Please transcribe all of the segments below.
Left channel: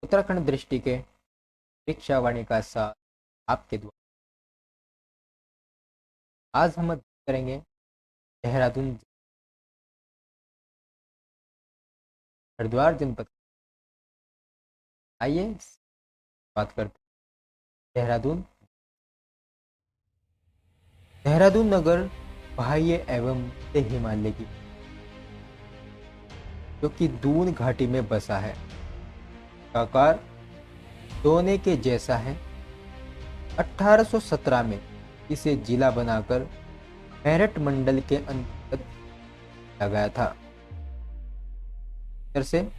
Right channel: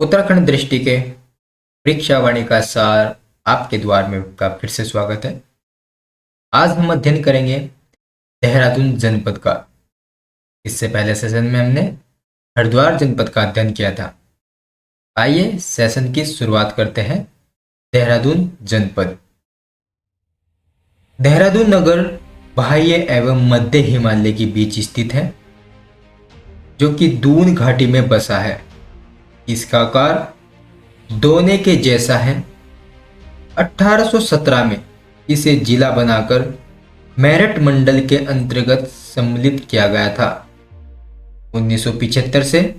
उत्तराखंड दृष्टि के परीक्षावाणी का सार आपके द्वार में का फिर से स्वागत है। आज हम अध्ययन करेंगे देहरादून जनपद का। इससे पहले सेशन में हमने हरिद्वार जनपद का अध्ययन किया था। आइए सेशन की शुरुआत करते हैं। देहरादून जनपद। देहरादून नगर बाह्य एवं मध्य हिमालय के बीच स्थित है, जो कि दून घाटी में बसा है। इसका आकार दोने के जैसा है। 1817 में इसे जिला बनाकर मेरठ मंडल के अंतर्गत सम्मिलित किया गया था। 1975 से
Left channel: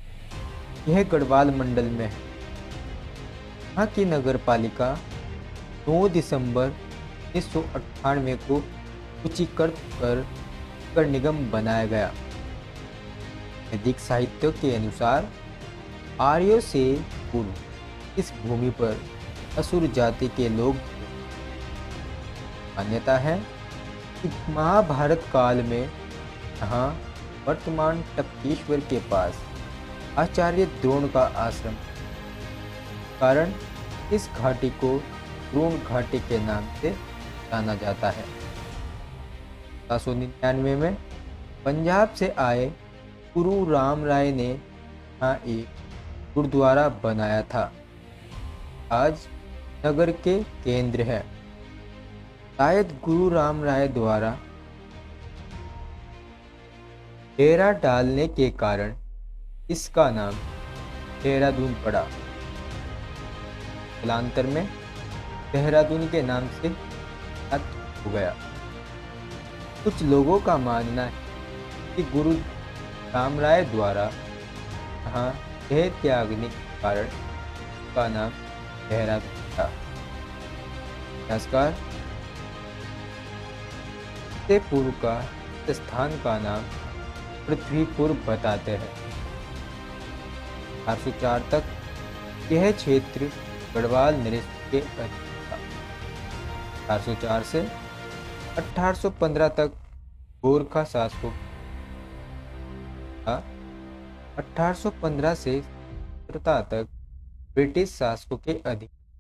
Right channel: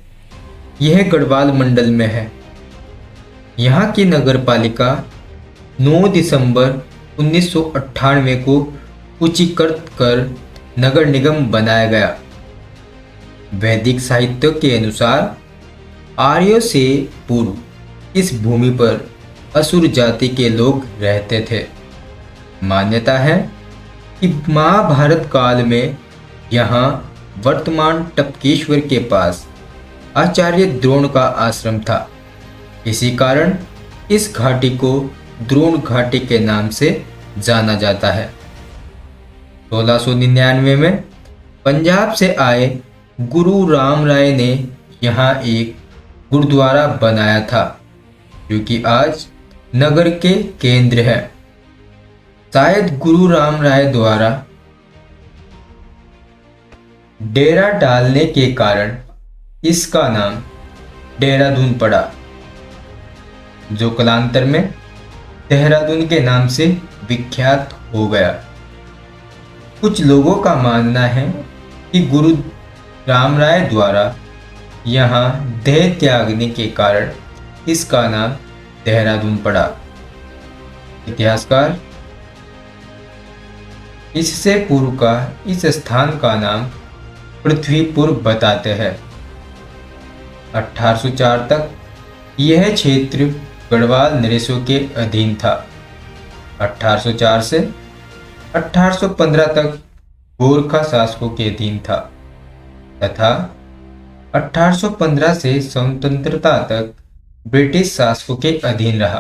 यह गढ़वाल मंडल में है। यहाँ की नगर पालिका 9 दिसंबर 1998 को सूचीकृत कर नगर निगम बनाया गया। वैदिक साहित्य के अनुसार आर्यों से पूर्व इस भूमि पर असुर जाति के लोग रहते थे। मान्यता है कि महाभारत काल में यहाँ वर्तमान टपकेश्वर के पास आचार्य द्रोण का आश्रम था। इसी कारण इस घाटी को द्रोण घाटी के नाम से जाना जाता है। 1699 में पंजाब से आए गुरु राम राय ने यहाँ एक गुरुद्वारा बनाया था, जो कि आज नगर के केंद्र है। शायद गुरु राम राय द्वारा डेरा डालने के कारण इसका नाम देहरादून पड़ा, जो कालांतर में देहरादून के नाम से विख्यात हो गया। कुछ लोगों का मानना है कि गुरु राम राय द्वारा यहाँ देह त्यागने के कारण इसका नाम देहरादून पड़ा। इतिहासकार इससे पूर्व का इस स्थान का नाम पृथ्वीपुर बताते हैं। 1804 तक यह क्षेत्र गढ़वाल नरेशों के अधीन था। 1804 से 1815 तक गोरखा शासकों के अधीन था तथा 1815 से स्वतंत्रता तक ब्रिटिश शासकों के अधीन रहा।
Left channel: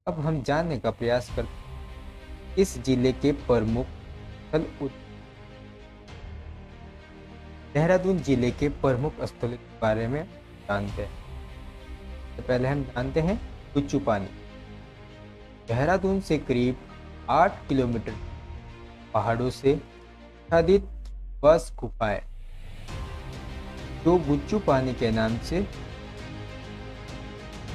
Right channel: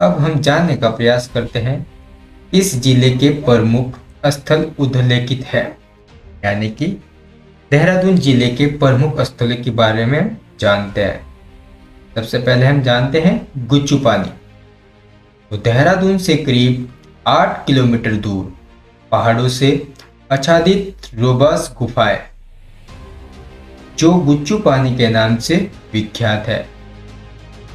अब हम जानने का प्रयास करते हैं इस जिले के प्रमुख स्थल उल्लेखित है, यानी कि देहरादून जिले के प्रमुख स्थलों के बारे में जानते हैं। सबसे पहले हम जानते हैं गुच्चू पानी। तो देहरादून से करीब 8 किलोमीटर दूर पहाड़ों से आच्छादित रोबस गुफाएं, जो गुच्चू पानी के नाम से विख्यात है।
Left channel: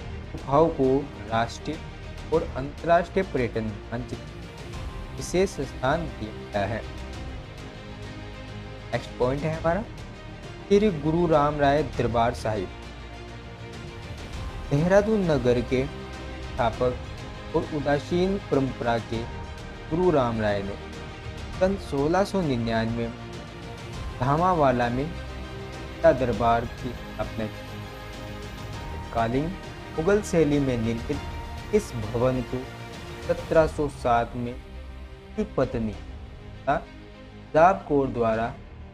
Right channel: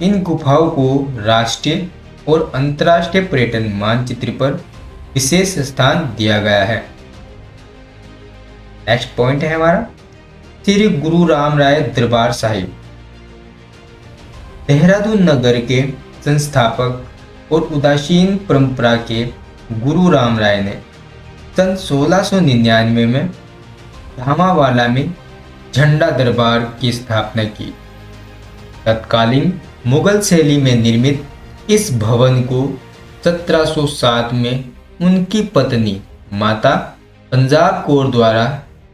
इन गुफाओं को राष्ट्रीय और अंतर्राष्ट्रीय पर्यटन मानचित्र पर विशेष स्थान दिया गया है। नेक्स्ट पॉइंट है हमारा श्री गुरु राम राय दरबार साहिब। देहरादून नगर के संस्थापक और उदासीन परंपरा के गुरु राम राय ने सन 1699 में धामावाला में झंडा दरबार की स्थापना की। तत्कालीन मुगल शैली में निर्मित इस भवन को 1707 में उनकी पत्नी माता पंजाब कौर द्वारा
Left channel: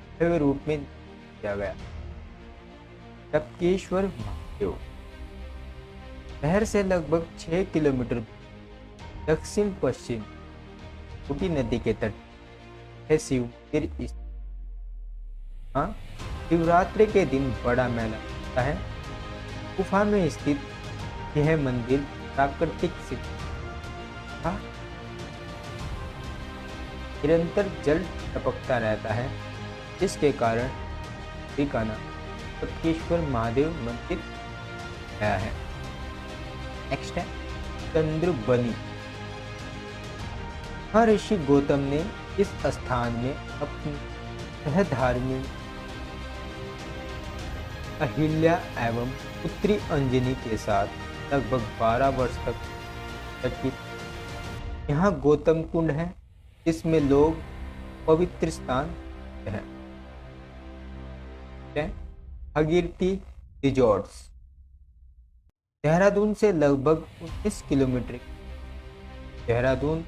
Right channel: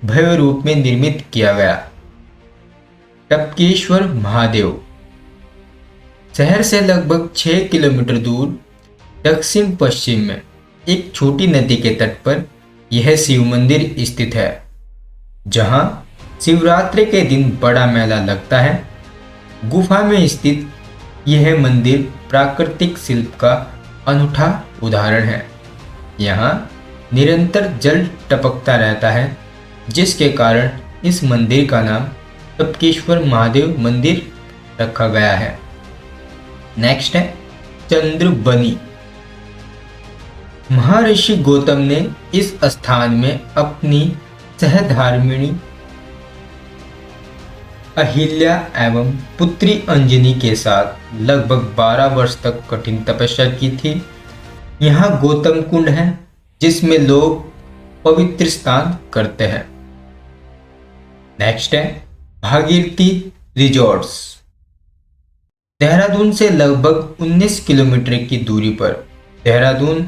भव्य रूप में निर्मित किया गया। टपकेश्वर महादेव शहर से लगभग 6 किलोमीटर दूर दक्षिण पश्चिम में एक छोटी नदी के तट पर यह शिव मंदिर स्थित है, जहां शिवरात्रि के दिन बड़ा मेला लगता है। गुफा में स्थित यह मंदिर प्राकृतिक शिल्प का अनूठा उदाहरण है। यहाँ निरंतर जल टपकता रहता है, जिसके कारण इस मंदिर का नाम टपकेश्वर महादेव मंदिर रखा गया है। नेक्स्ट है चंद्रबनी। महर्षि गौतम ने इस स्थान में अपनी सहधर्मिणी अहिल्या एवं पुत्री अंजनी के साथ लगभग 12 वर्ष तक कठिन तपस्या की थी। यहाँ गौतम कुंड है, जिसमें लोग पवित्र स्नान करते हैं। नेक्स्ट है भागीरथी रिजॉर्ट्स। देहरादून से लगभग 19 किलोमीटर की दूरी पर देहरादून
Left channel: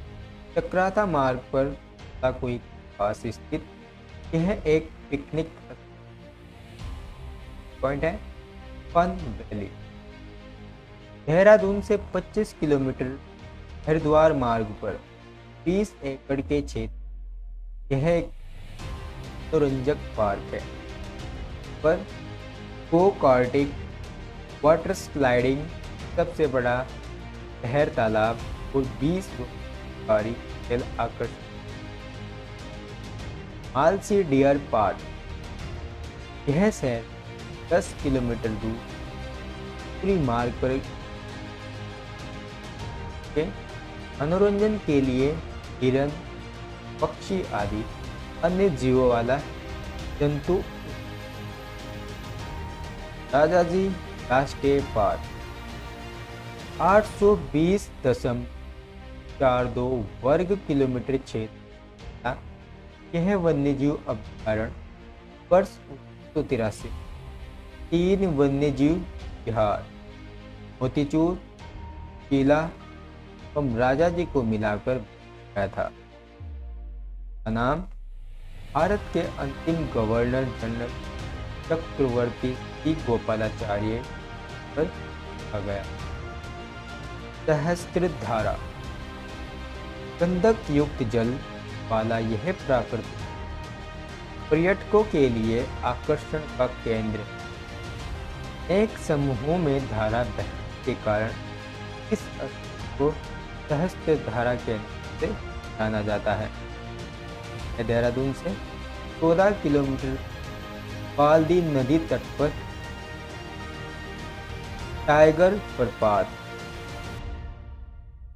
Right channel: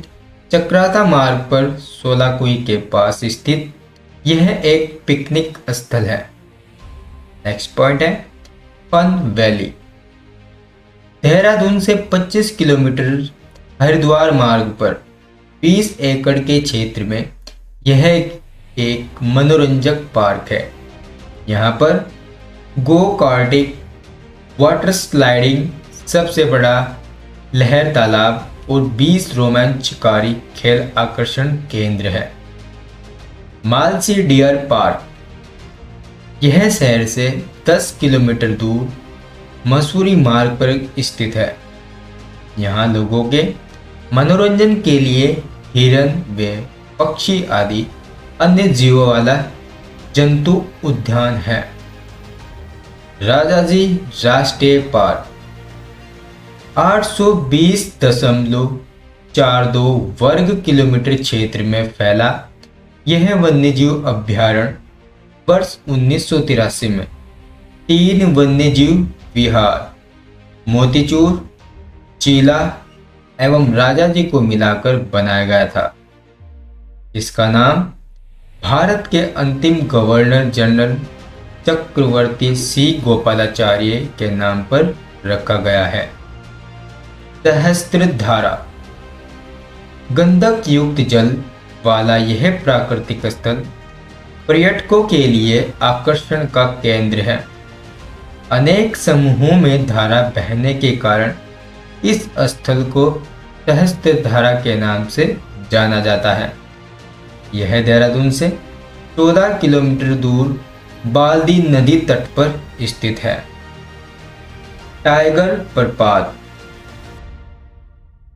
चक्राता मार्ग पर सोलाकुई के पास स्थित यह एक पिकनिक स्थल है। नेक्स्ट पॉइंट है फन वैली। देहरादून से 25 किलोमीटर हरिद्वार मार्ग पर 20 एकड़ के क्षेत्र में यह एक मनोरंजक पार्क है। यहाँ पर गो कार्टिंग, वाटर स्लाइडिंग, सबसे बड़ा लहर तालाब और 20 रोमांचकारी खेल आकर्षण केंद्र है। मालसी डियर पार्क, यह शहर से 10 किलोमीटर दूर मसूरी मार्ग पर स्थित है। यहाँ लोगों के मनोरंजन के लिए हिरन व पक्षी आदि अन्य जीवों वाला जंतु उद्यान है। राजाजी राष्ट्रीय पार्क 820.42 वर्ग किलोमीटर क्षेत्र में फैला यह वन्यजीव अभ्यारण्य वर्ष 1983 में 3 वन्यजीव विहार, मोतीचूर, चीला एवं राजाजी को मिलाकर बनाया गया था। इसका नाम भारत के अंतिम गवर्नर जनरल चक्रवर्ती सी गोपालाचार्य के नाम पर रखा गया है। सहस्त्रधारा, गंधक युक्त जल वाला यह प्राकृतिक स्थल पर्यटकों के लिए आकर्षण का केंद्र है। अनेक समूहों में धारा बहने के कारण इस स्थल को सहस्त्रधारा के नाम से जाना जाता है। यह देहरादून से 14 किलोमीटर दूर बाल्दी नदी तट पर स्थित है। टाइगर प्रपात,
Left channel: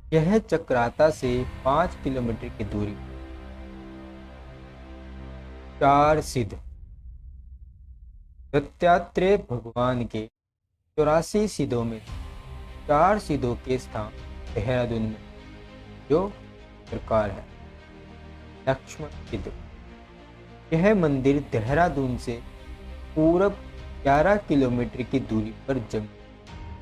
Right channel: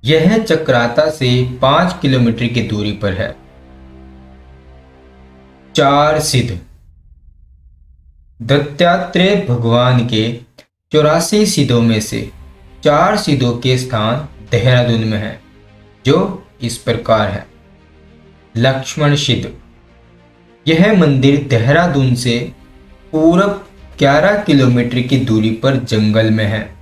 यह चक्राता से 5 किलोमीटर की दूरी पर है। चार सिद्ध, दत्तात्रेय भगवान के 84 सिद्धों में से 4 सिद्धों के स्थान देहरादून में है, जो इस प्रकार है। लक्ष्मण सिद्ध, यह मंदिर देहरादून से पूरब 11 किलोमीटर की दूरी पर जंगल में है।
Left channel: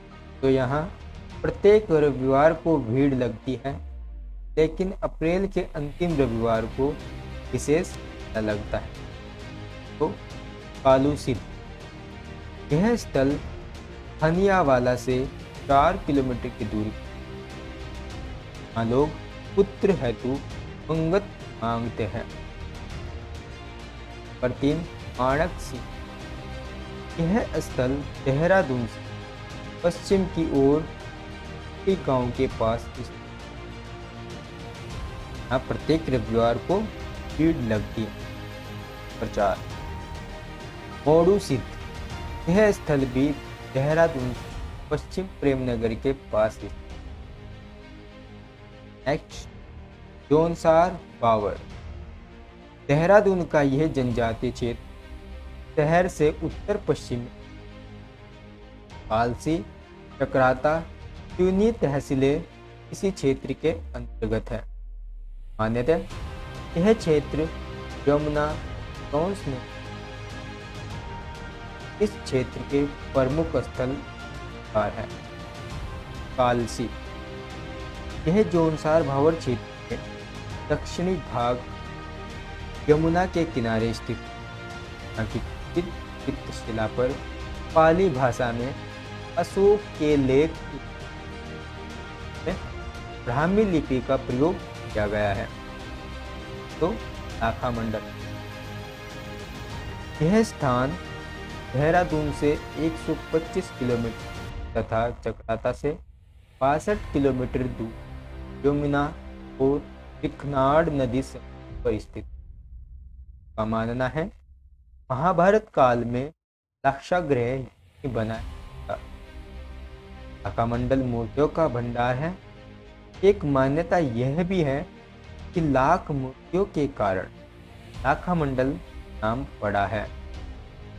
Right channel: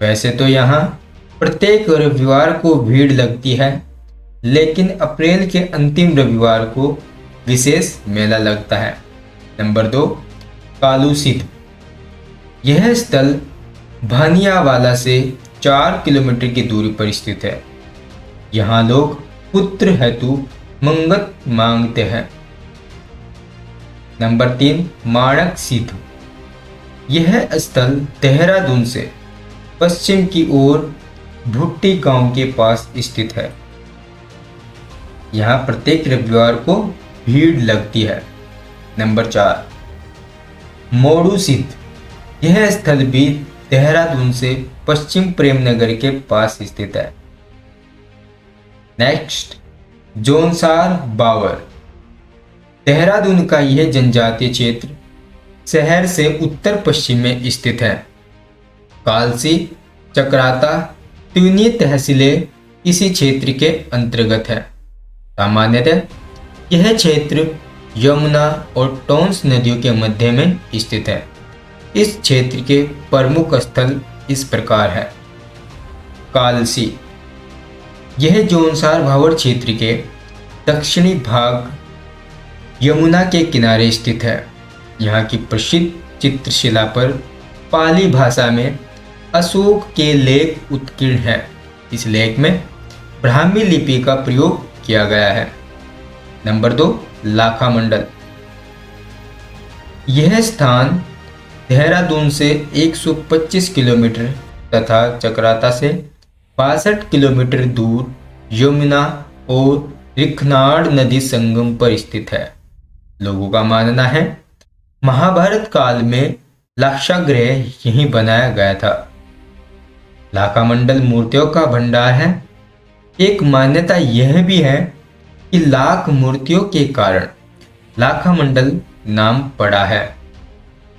वैसे तो यहाँ प्रत्येक रविवार को भीड़ लगती है, लेकिन अप्रैल के अंतिम रविवार को विशेष मेला लगता है। नंबर 2, कालू सिद्ध, यह स्थल भानियावाला से 4 किलोमीटर की दूरी पर स्थित है। यहाँ लोग पुत्र हेतु मंगत मांगते हैं। नंबर 3, माणक सिद्ध, यह स्थल देहरादून से पश्चिम की ओर भुट्टी गांव के पास स्थित है। यहाँ प्रत्येक रविवार को भीड़ लगती है। नंबर 4, मोड़ू सिद्ध, यह स्थल भी देहरादून से पश्चिम प्रेमनगर के पास स्थित है। नेक्स्ट, जोनसार बावर, देहरादून का यह जनजातीय क्षेत्र शहर से उत्तर पश्चिम में स्थित है। कालसी, चक्राता, त्यूनी तहसीलें इसी क्षेत्र के अंतर्गत है। सामान्यतः यह क्षेत्र यमुना और टोंस नदियों के मध्य में स्थित है। इस क्षेत्र के प्रमुख स्थल इस प्रकार है। कालसी, यह जोनसार भावर क्षेत्र के दक्षिणी भाग यमुना के किनारे स्थित है। यहाँ की प्रसिद्ध चित्रशिला पर पाली भाषा में अशोक के लेख उत्कीर्ण है। इस लेख में ब्राह्मी लिपि का प्रयोग किया गया है। नंबर 2, लाखा मंडल, यह स्थान देहरादून से 125 किलोमीटर तथा चक्राता से 62 किलोमीटर दूर यमुना और रिखनाड़ नदी संगम पर स्थित है। लोगों का मानना है महाभारत काल में लाक्षागृह यहीं बनाया गया था। लाखा मंडल मूर्तियों का भंडार है। एक मान्यता यह भी है कि लाख मूर्तियों के कारण लाखा मंडल नाम पड़ा है।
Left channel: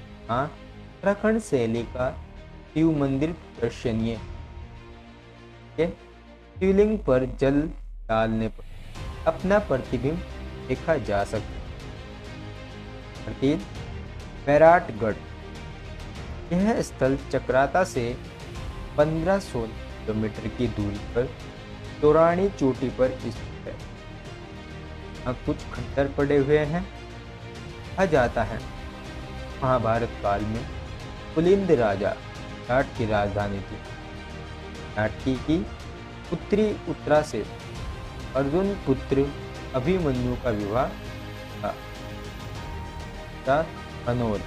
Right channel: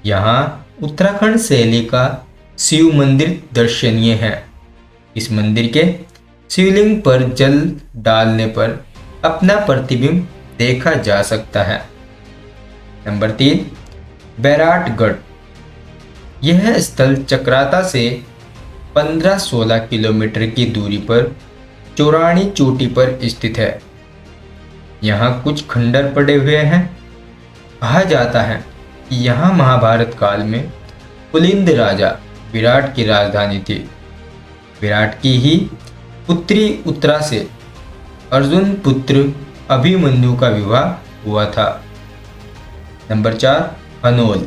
यहाँ उत्तराखंड शैली का शिव मंदिर दर्शनीय है। इस मंदिर के शिवलिंग पर जल डालने पर अपना प्रतिबिंब देखा जा सकता है। नंबर 3, बैराटगढ़, यह स्थल चक्राता से 15-16 किलोमीटर की दूरी पर चौरानी चोटी पर स्थित है। यहाँ कुछ खंडर पड़े हुए हैं। कहा जाता है कि यहाँ महाभारत काल में पुलिंद राजा विराट की राजधानी थी। विराट की ही पुत्री उत्तरा से अर्जुन पुत्र अभिमन्यु का विवाह हुआ था। नंबर 4, हनोल।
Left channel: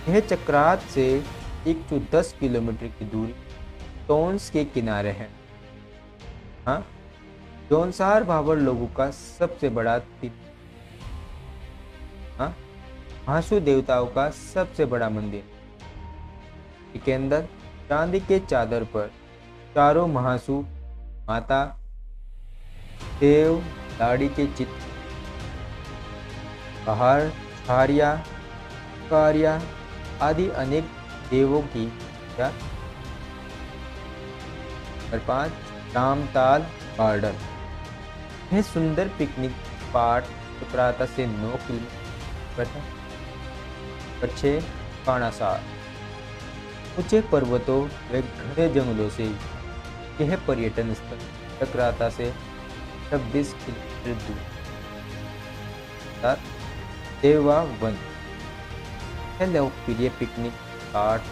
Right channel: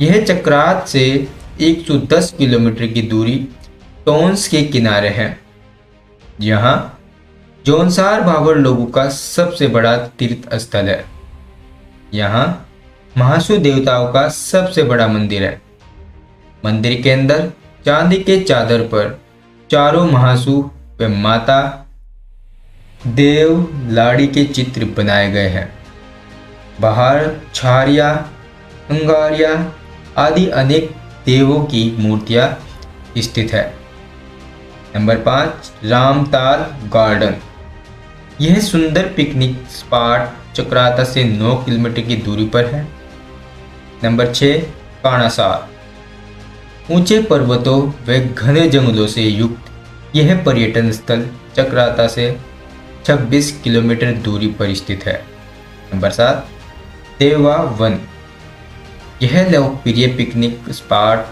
यह चक्रात से 110 किलोमीटर की दूरी टोंस के किनारे है। यहाँ जौनसार भाबर लोगों का सबसे बड़ा तीर्थ स्थल है। यहाँ महासु देवताओं का सबसे बड़ा मंदिर है। मंदिर के अंदर चांदी के चादर पर चारों महासु व माता देव लाड़ी के चित्र बनाए गए हैं। बाहर छारिया, अंगारिया आदि अनेक देवों की मूर्तियां स्थित है। Number 5, Ramtal garden. यह सुंदर पिकनिक स्पॉट चक्राता से 9 किलोमीटर की दूरी पर है। नंबर 6, काणासार। ऊंचे पर्वतों व घने जंगलों से युक्त यह पर्यटन स्थल चक्राता से 26 किलोमीटर दूरी पर स्थित है। नंबर 7, देवा वन। यह लोकप्रिय पिकनिक स्पॉट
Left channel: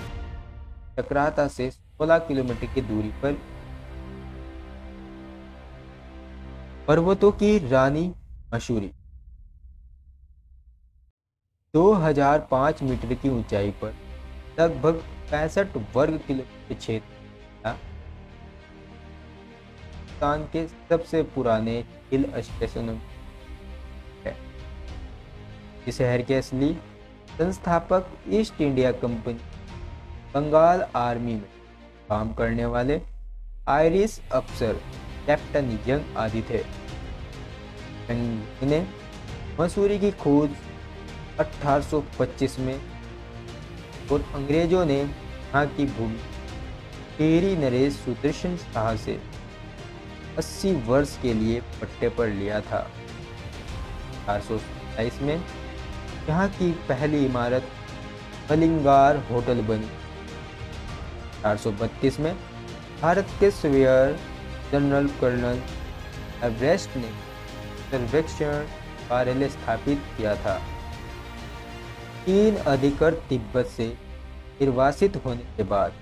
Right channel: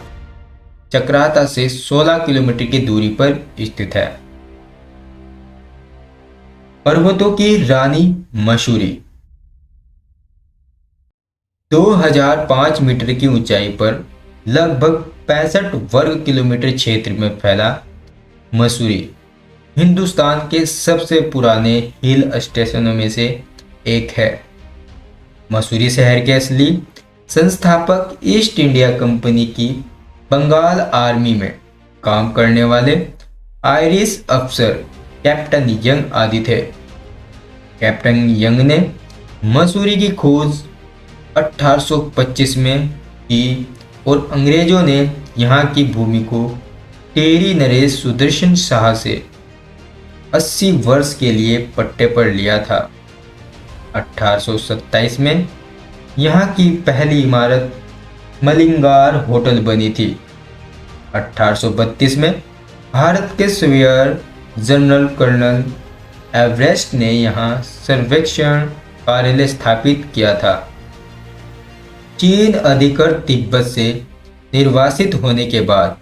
चक्राता से 16 किलोमीटर की दूरी पर स्थित है। पर्वतों की रानी मसूरी। 2005 मीटर की ऊंचाई पर लगभग 65 वर्ग किलोमीटर क्षेत्र में फैला मसूरी हिंदुस्तान के सबसे पुराने हिल स्टेशनों में से एक है। मसूरी शहर के असली संस्थापक ईस्ट इंडिया कंपनी की बंगाल आर्मी में काम करने वाले आयरिश अफसर कैप्टन यंग आदि थे। कैप्टन यंग ने मसूरी की खोज 1825 में की और अंग्रेजों ने यहाँ की भूमि को टेरी नरेश सुदर्शन शाह से 80 वर्ष के लिए पट्टे पर लिया था। 1827 में यहाँ की पहली इमारत मलिंगार होटल बनी थी। 1832 में भारत के सवेयर जनरल कर्नल एवरेस्ट ने यहाँ सर्वेक्षण कार्यालय स्थापित किया था। चीन अधिकृत तिब्बत से निर्वासित होने के बाद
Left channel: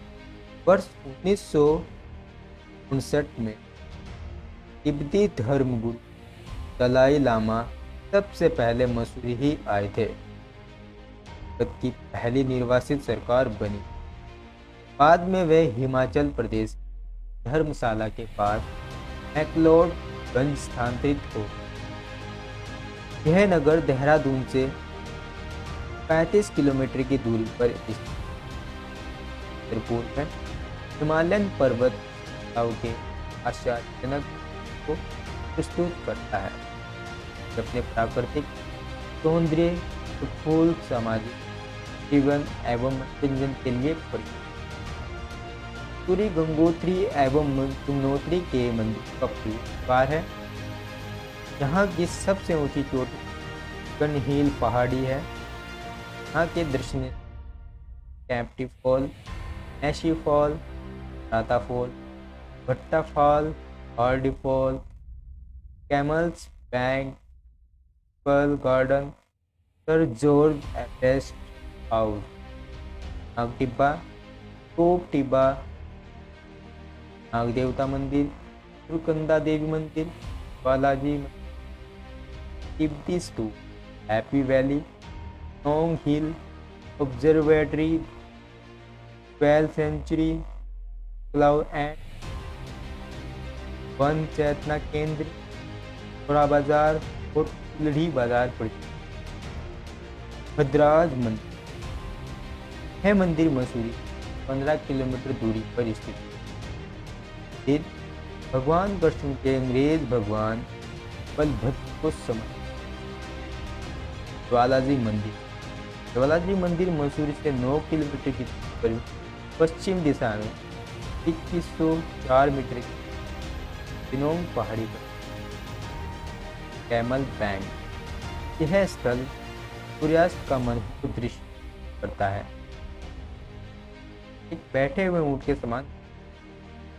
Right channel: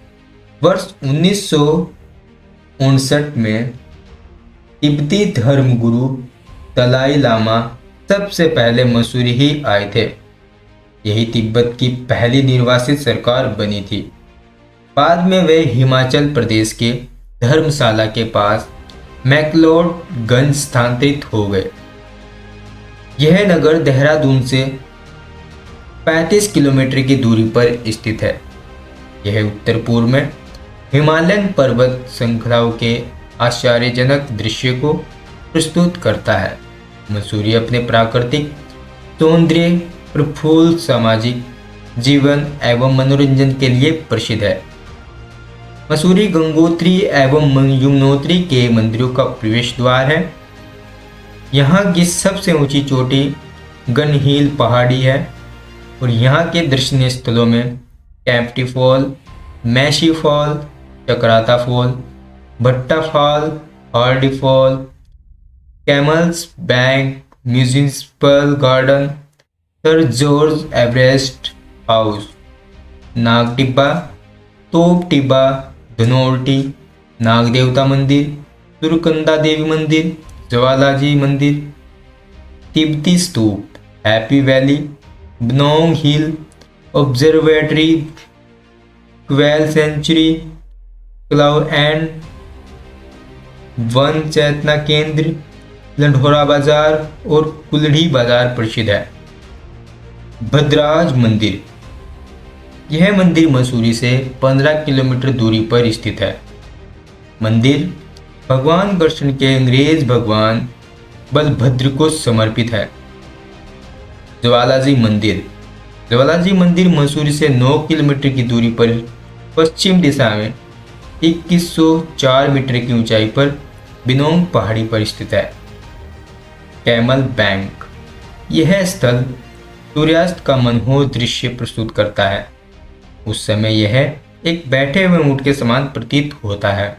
वर्ष 1959 में तिब्बती धर्मगुरु दलाई लामा सबसे पहले मसूरी ही आए थे। यही तिब्बत की पहली निर्वासित सरकार बनी थी। बाद में वे हिमाचल प्रदेश के धर्मशाला के पास मैक्लोडगंज स्थानांतरित हो गए। यह नगर देहरादून से 35 किलोमीटर की दूरी पर स्थित है। यह उत्तर पूर्व में हिमालयन पर्वत श्रृंखलाओं के आश्चर्यजनक दृश्य को प्रस्तुत करता है। मसूरी अपने प्राकृतिक सौंदर्य, प्रफुल्ल सामाजिक जीवन एवं मनोरंजन के लिए प्रसिद्ध है। मसूरी गंगोत्री एवं यमुनोत्री के मंदिरों का प्रवेश द्वार है। यहाँ की सबसे ऊंची चोटी गन हिल पहाड़ी है और यहाँ के दर्शनीय स्थलों में Kempty fall, Mossy fall, Chakrata fall, Bhatta fall, Hardy fall, camel's bank, municipal garden, sir George Everest house, Nag Tibba, Top Tibba, Dhanaulti, नाग देवता मंदिर, सुरकंदा देवी मंदिर, ज्वालाजी मंदिर, तिब्बती स्तूप, happy valley, Banog hill observatory, quail sanctuary, cloud end Van Chetna Kendra, Landhora बाजार और कुल्हड़ी बाजार प्रसिद्ध है। भद्राज मंदिर। यह मंदिर मसूरी से 15 किलोमीटर दूरी पर स्थित है। मंदिर भगवान कृष्ण के अंग्रेज भगवान बलभद्र को समर्पित है। ज्वालाजी मंदिर। ज्वालाजी मंदिर मसूरी से 9 किलोमीटर की दूरी पर पश्चिम दिशा में 2104 मीटर की ऊंचाई पर बिनोंग पहाड़ी पर स्थित है। Camel bank. यह स्थल सूर्यास्त का मनमोहक दृश्य प्रस्तुत करता है। उस समय यह एक बैठे हुए ऊंट के समान प्रतीत होता है।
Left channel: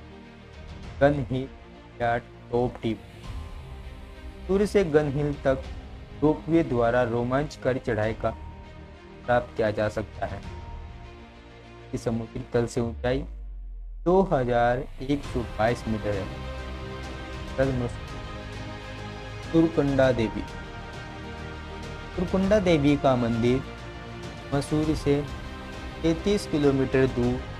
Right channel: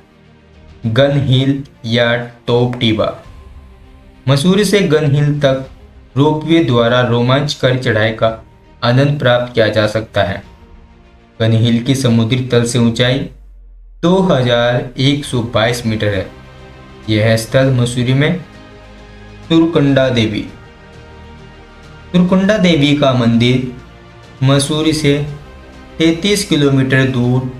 गन हिल या टॉप टिबा। मसूरी से गन हिल तक रोपवे द्वारा रोमांचकारी चढ़ाई का आनंद प्राप्त किया जा सकता है। कनहिल की समुद्री तल से ऊंचाई 2122 मीटर है। यह स्थल मसूरी में तुरकुंडा देवी का मंदिर मसूरी से 33 किलोमीटर दूर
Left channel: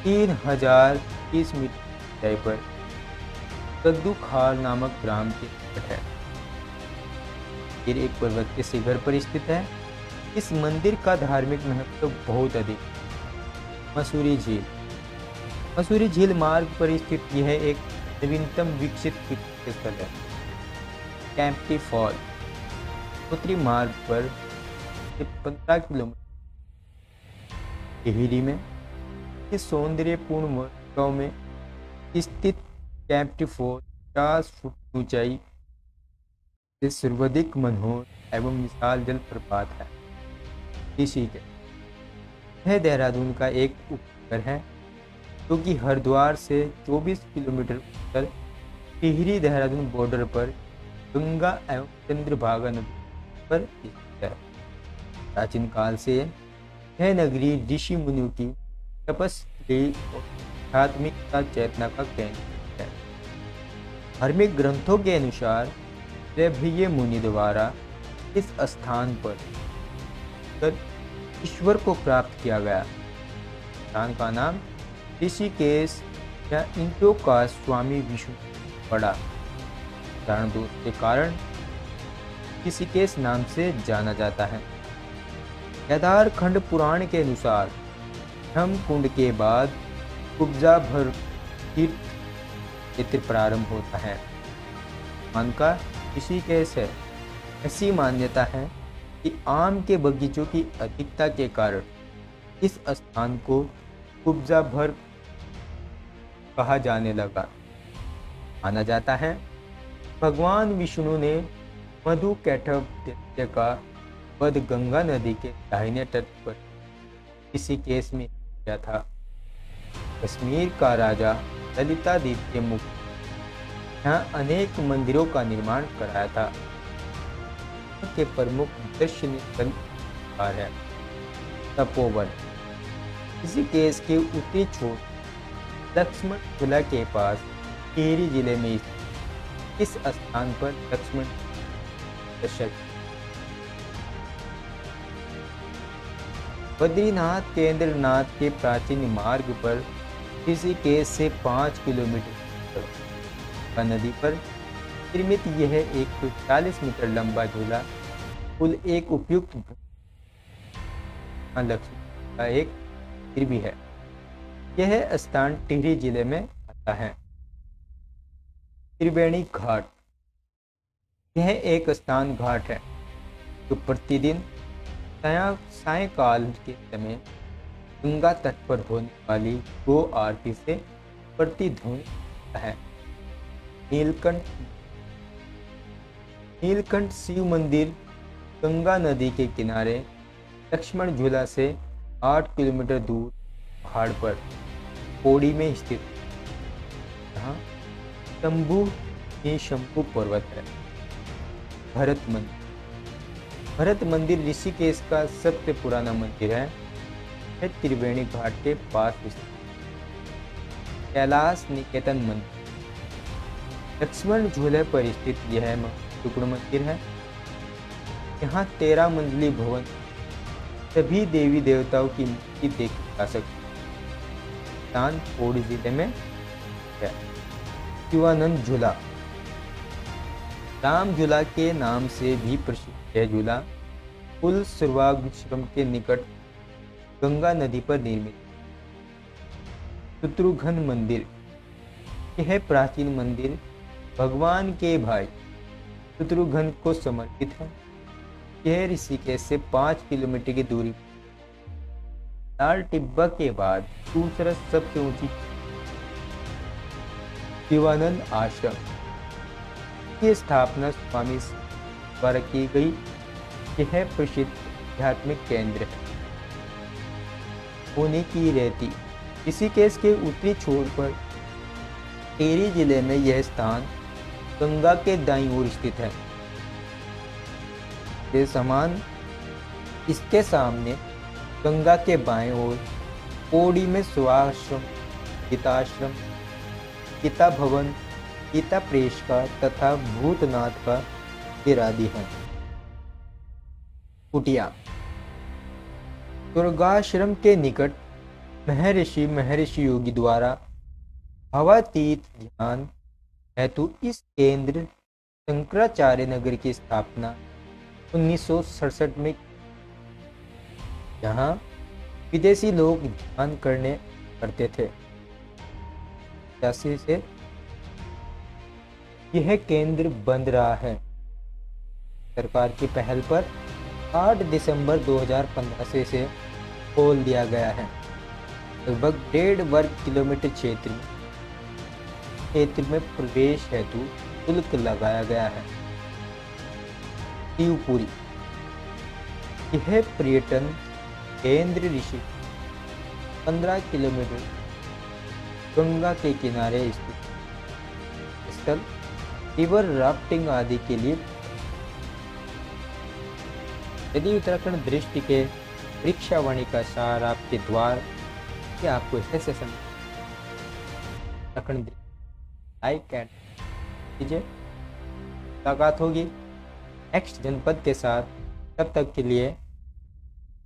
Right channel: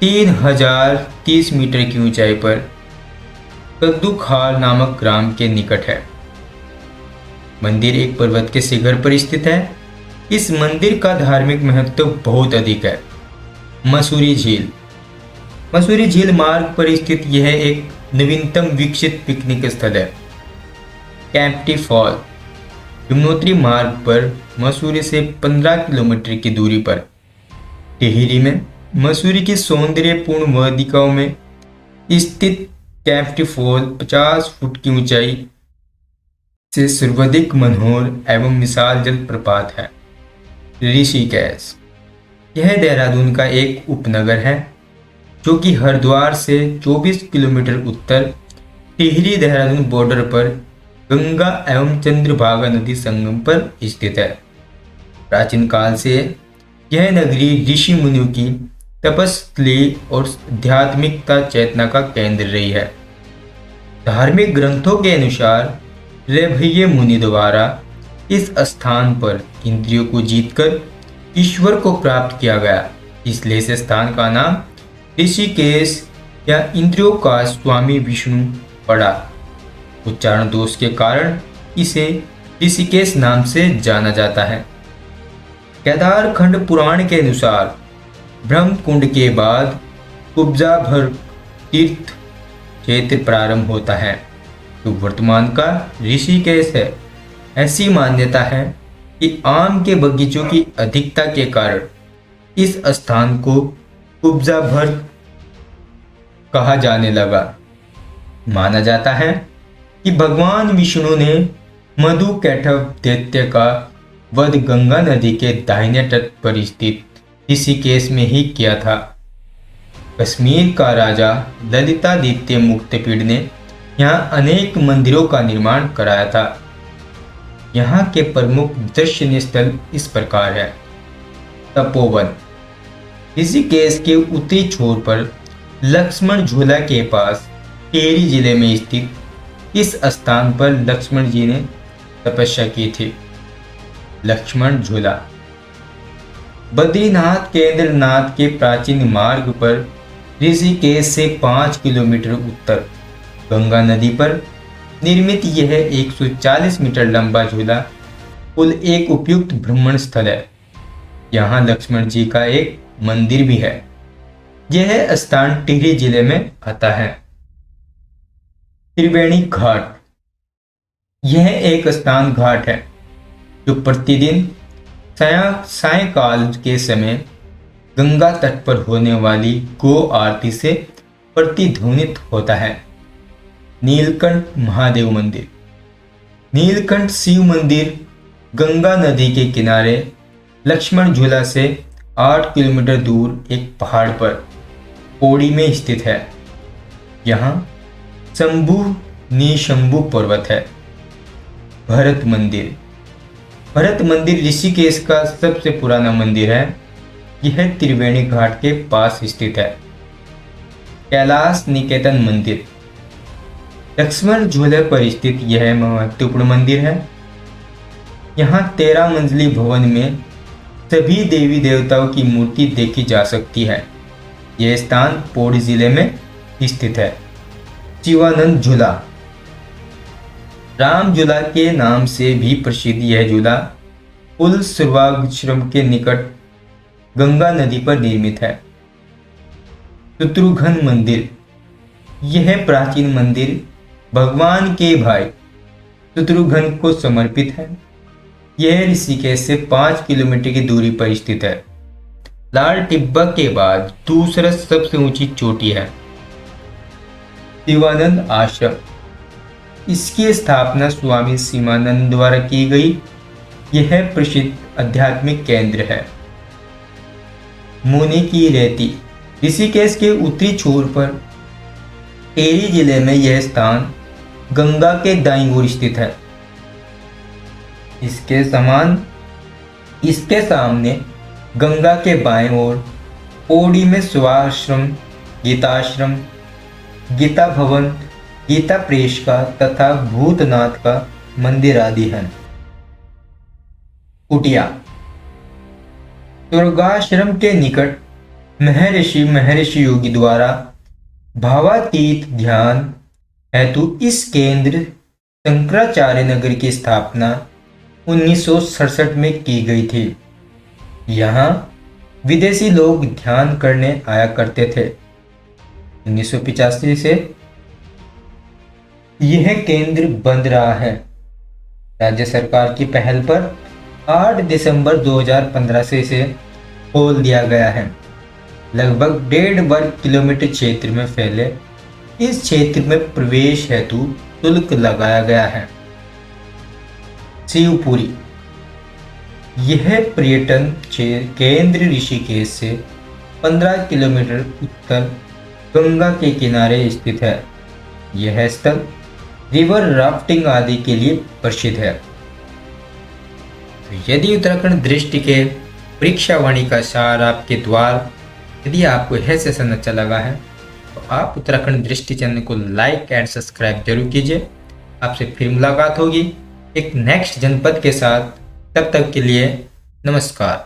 3030 मीटर की ऊंचाई पर कद्दूखाल नामक ग्राम के निकट है। मंदिर एक पर्वत के शिखर पर स्थित है। इस मंदिर का धार्मिक महत्व बहुत अधिक है। मसूरी झील मार्ग पर स्थित यह एक नवीनतम विकसित पिकनिक स्थल है। कैंपटी फॉल यमुनोत्री मार्ग पर मसूरी से 15 किलोमीटर की दूरी पर टिहरी में मसूरी की सौंदर्यपूर्ण वादिकाओं में स्थित कैंपटी फॉल 50 फुट की ऊंचाई से सर्वाधिक मनोहर एवं विशाल जलप्रपात है। ऋषिकेश यह देहरादून का एक उपनगर है जो कि हरिद्वार से 24 किलोमीटर उत्तर टिहरी देहरादून बॉर्डर पर गंगा एवं चंद्रभागा नदी संगम पर स्थित है। प्राचीन काल से यह नगरी ऋषि मुनियों की तपस्थली और आध्यात्मिकता चेतना का केंद्र रही है। धार्मिक ग्रंथों के अनुसार रैभय मुनि द्वारा इस स्थान पर इंद्रियों को जीतकर ईश्वर को प्राप्त किया गया, इसलिए इस स्थान का नाम ऋषिकेश या इंद्रियों का स्वामी विष्णु पड़ा। उच्चारण दोष के कारण इसे ऋषिकेश नाम से जाना जाता है। केदार खंड पुराण के अनुसार ब्रह्म कुंड के बाद कुब्जा भर तीर्थ क्षेत्र प्रारंभ होता है, तो वर्तमान का ऋषिकेश है। ऐसी मान्यता है कि आम के बगीचों की अधिकता के कारण इस स्थान को कुब्जा भर कहा जाने लगा। माना जाता है कि भगवान विष्णु ने मधु कैटव दैत्य का वध गंगा नदी के दाहिने तट पर स्थित ऋषिकेश में ही किया था। कश्मीर का राजा ललितादित्य मुक्तपीड़ ने यहाँ अनेक मंदिरों का निर्माण कराया था। यहाँ के प्रमुख दर्शनीय स्थल इस प्रकार है। तपोवन ऋषिकेश के उत्तरी छोर पर लक्ष्मण झूला के पास टिहरी जिले में स्थित इस स्थान पर लक्ष्मण जी ने तपस्या की थी। लक्ष्मण झूला बद्रीनाथ केंद्रनाथ के प्राचीन मार्ग पर ऋषिकेश से 5 किलोमीटर उत्तर गंगा नदी पर निर्मित यह 140 मीटर लंबा झूला पुल एक उपयुक्त भ्रमण स्थल है। यहाँ लक्ष्मण जी का एक मंदिर भी है। यह स्थान टिहरी जिले में आता है। त्रिवेणी घाट यह एक स्नान घाट है जो प्रतिदिन सायंकाल के समय गंगा तट पर होने वाली गो आरती से प्रतिध्वनित होता है। नीलकंठ महादेव मंदिर नीलकंठ शिव मंदिर गंगा नदी के किनारे लक्ष्मण झूला से 8 किलोमीटर दूर एक पहाड़ पर पौड़ी में स्थित है। यहाँ शंभु निशंभु पर्वत है। भरत मंदिर ऋषिकेश का सबसे पुराना मंदिर है। यह त्रिवेणी घाट के पास स्थित है। कैलाश निकेतन मंदिर लक्ष्मण झूले पर स्थित यह महत्वपूर्ण मंदिर है। यहाँ 13 मंजिली भवन में सभी देवी देवताओं की मूर्ति देखी जा सकती है। यह स्थान पौड़ी जिले में स्थित है। शिवानंद झूला राम झूला के नाम से भी प्रसिद्ध यह झूला पुल सर्वाश्रम के निकट गंगा नदी पर निर्मित है। शत्रुघ्न मंदिर यह प्राचीन मंदिर भगवान के भाई शत्रुघ्न को समर्पित है। यह ऋषिकेश से 5 किलोमीटर की दूरी पर स्थित है। लाल टिब्बा के बाद दूसरा सबसे ऊंची चोटी है। शिवानंद आश्रम इसकी स्थापना स्वामी शिवानंद द्वारा की गई। यह प्रसिद्ध आध्यात्मिक केंद्र है। मुनि की रेती ऋषिकेश के उत्तरी छोर पर टिहरी जिले में यह स्थान गंगा के दाईं ओर स्थित है। इसके सामने गंगा के बाएं ओर पौड़ी में सुभाश्रम, गीताश्रम, गीता भवन, गीता प्रेस का तथा भूतनाथ का मंदिर आदि हैं। कुटिया दुर्गाश्रम के निकट महर्षि योगी द्वारा भावातीत ध्यान हेतु इस केंद्र शंकराचार्य नगर की स्थापना 1967 में की गई थी। यहाँ विदेशी लोग ध्यान करने आया करते थे। 1985 से यह केंद्र बंद रहा है। राज्य सरकार की पहल पर 8 दिसंबर 2015 से इसे खोल दिया गया है। लगभग 1.5 वर्ग किलोमीटर क्षेत्र में फैले इस क्षेत्र में प्रवेश हेतु शुल्क लगाया गया है। शिवपुरी यह पर्यटन केंद्र ऋषिकेश से 15 किलोमीटर उत्तर गंगा के किनारे स्थित है। यह स्थल रिवर राफ्टिंग आदि के लिए प्रसिद्ध है। यदि उत्तराखंड दृष्टि के परीक्षावाणी का सार आपके द्वार, यदि आपको यह सेशन अच्छा लगा है तो आप उत्तराखंड दृष्टि चैनल को लाइक एंड सब्सक्राइब जरूर कीजिए। आपसे फिर मुलाकात होगी एक नेक्स्ट जनपद के साथ। तब तक के लिए नमस्कार।